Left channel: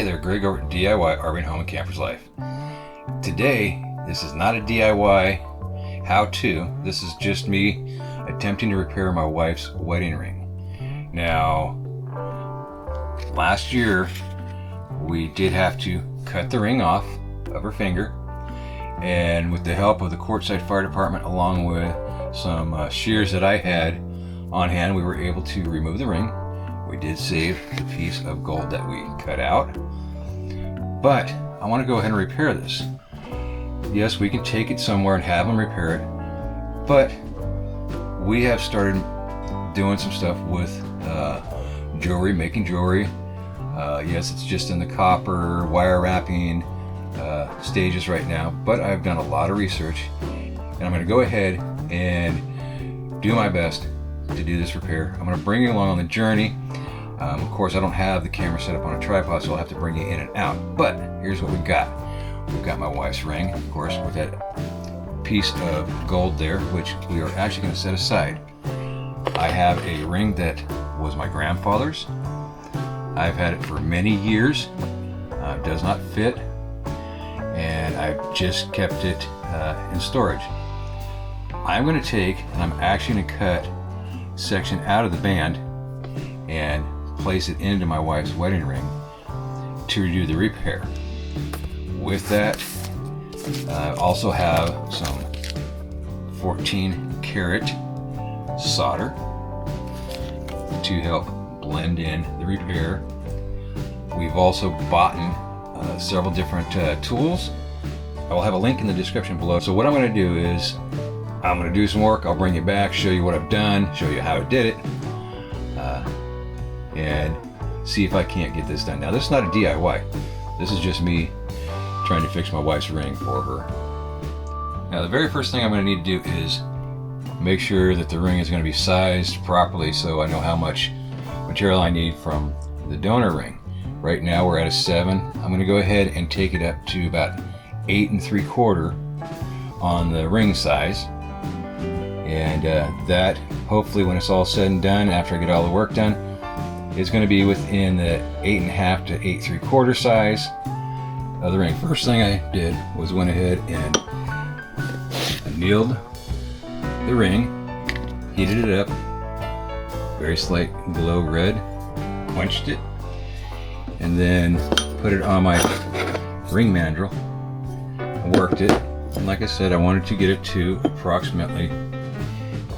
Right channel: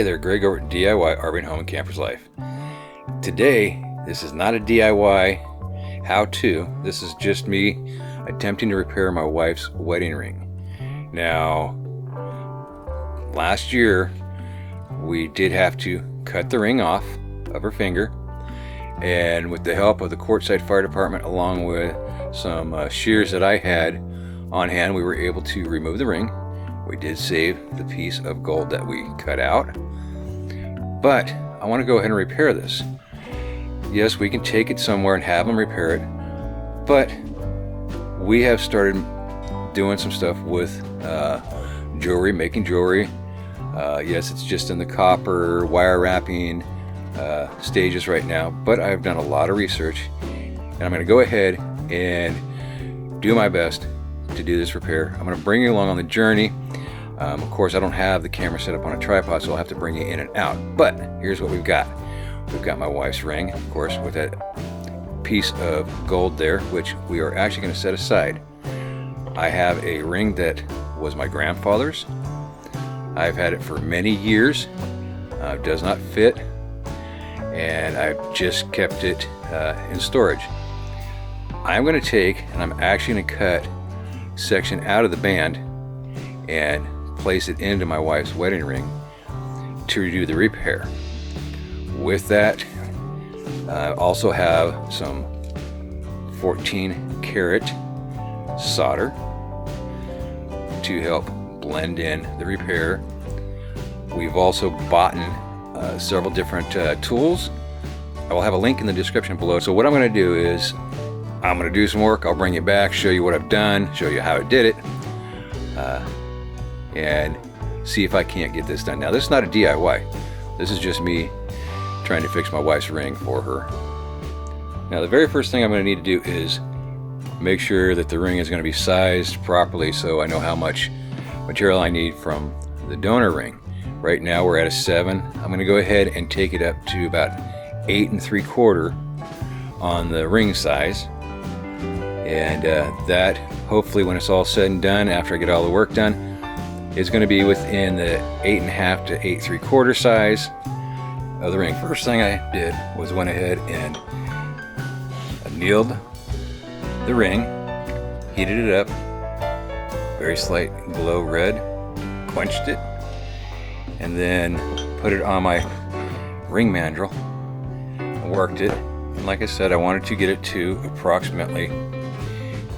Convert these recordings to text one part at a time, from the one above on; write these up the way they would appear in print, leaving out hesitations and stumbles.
Hey there, Greg over at DIY RV Home and Camper's Life. Today, this is not a DIY how-to. This is just me attempting to repair my wife's wedding ring. Now, last year, we did have to cut the ring off of her finger, and with the help of the Courtside Fire Department, along with some shears that I had on hand, we were able to remove the ring. We did save the piece of gold that we cut out, but I want to go ahead and repair this. Yes, we can take it somewhere and have them repair it, but we have started doing some stuff with jewelry, making jewelry. Yes, it's just in the copper wire wrapping stages right now, but I've done a lot of research, and I'm going to go ahead and do my best to do this repair. I'm going to bring you along on the journey. Of course, I don't have the camera set up on a tripod, so I'll have to bring you in and out. But here's what we've got. We've got my wife's ring, of course, with that piece of gold there, which we are actually going to set aside. I have a ring that was my grandfather's. I've had it for many years. It does not fit, and I've just kept it in storage. I'm going to take, and I'm actually going to cut a section out of the band and place it into my wife's wedding ring to do the repair. With that, I also have some 14 karat solder to help blend in the repair. We've also bought several different tools. I will have a link in the description below. So what I'm going to do is I'm going to do some work. I'll bring you back, show you what I've done, show you how I did it, and see if I can't get this done. Now, this is not a DIY. This is just me trying to fix my wife's ring for her. Now, the very first thing I'm going to need to do is make sure that the ring is going to be sized properly, so I know how much material I need from the donor ring. Right now we're at a 7. I'm going to go ahead and take it up to about 8 3/4 on the ring size, and that hopefully, when it's all said and done, after I get all the work done, it's going to be within the 8.5 to 8 3/4 size of the ring. First thing I did was went ahead and annealed the ring, heated it up, very slight glow red, quenched it, and then put it on my ring mandrel, worked it, and like I said, I wanted to get it to approximately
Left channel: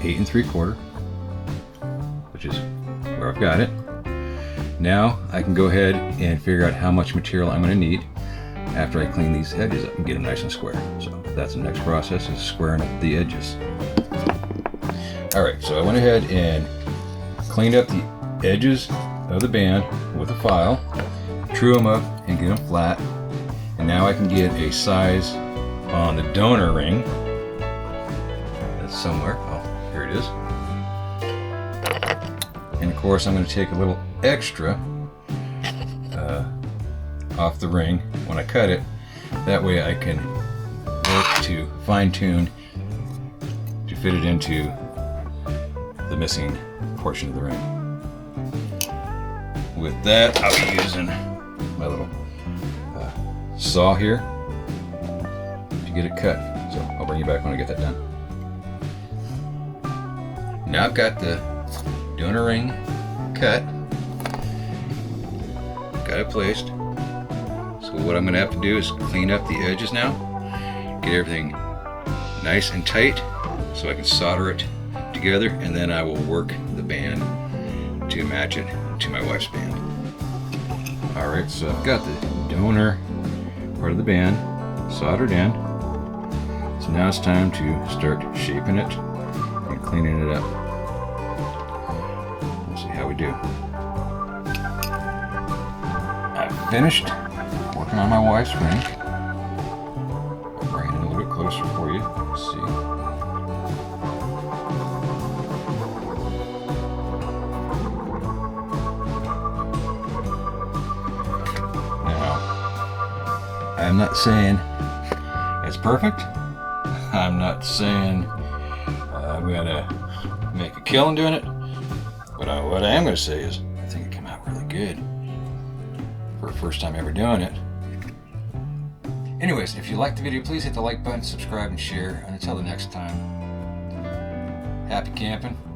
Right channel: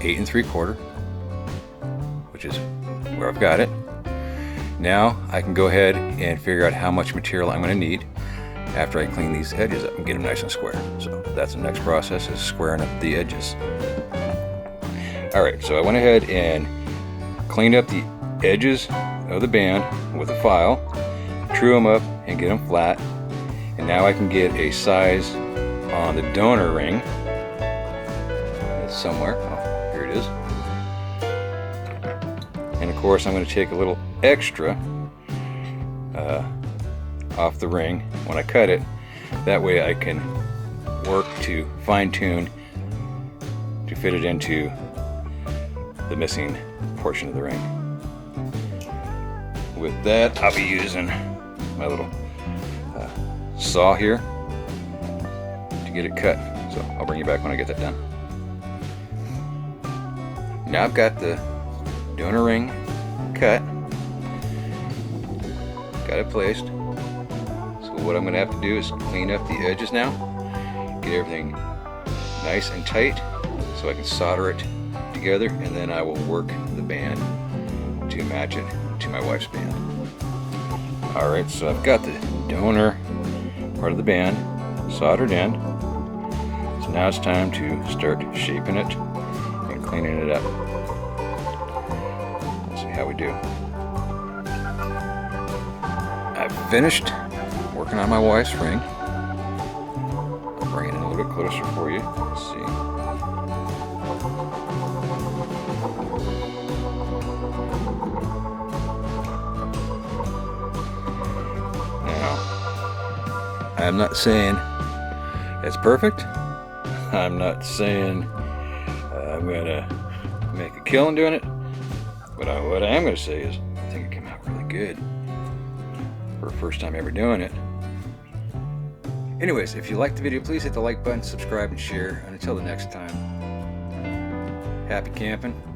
8 3/4, which is where I've got it. Now I can go ahead and figure out how much material I'm going to need after I clean these edges up and get them nice and square. So that's the next process, is squaring up the edges. Alright, so I went ahead and cleaned up the edges of the band with a file, true them up and get them flat, and now I can get a size on the donor ring. That's somewhere. Oh, here it is. And of course, I'm going to take a little extra off the ring when I cut it. That way I can work to fine-tune to fit it into the missing portion of the ring. With that, I'll be using my little saw here to get it cut. So I'll bring you back when I get that done. Now I've got the donor ring cut, got it placed. So what I'm going to have to do is clean up the edges now, get everything nice and tight so I can solder it together, and then I will work the band to match it to my wife's band. Alright, so I've got the donor part of the band soldered in. So now it's time to start shaping it and cleaning it up. Let's see how we do. I've finished working on my wife's ring. I'll bring it in a little bit closer for you. Let's see. I'm not saying it's perfect. I'm not saying I'm gonna make a killing doing it, but what I am gonna say is I think it came out really good. for a first time ever doing it. Anyways, if you liked the video, please hit the like button, subscribe, and share. And until the next time, happy camping.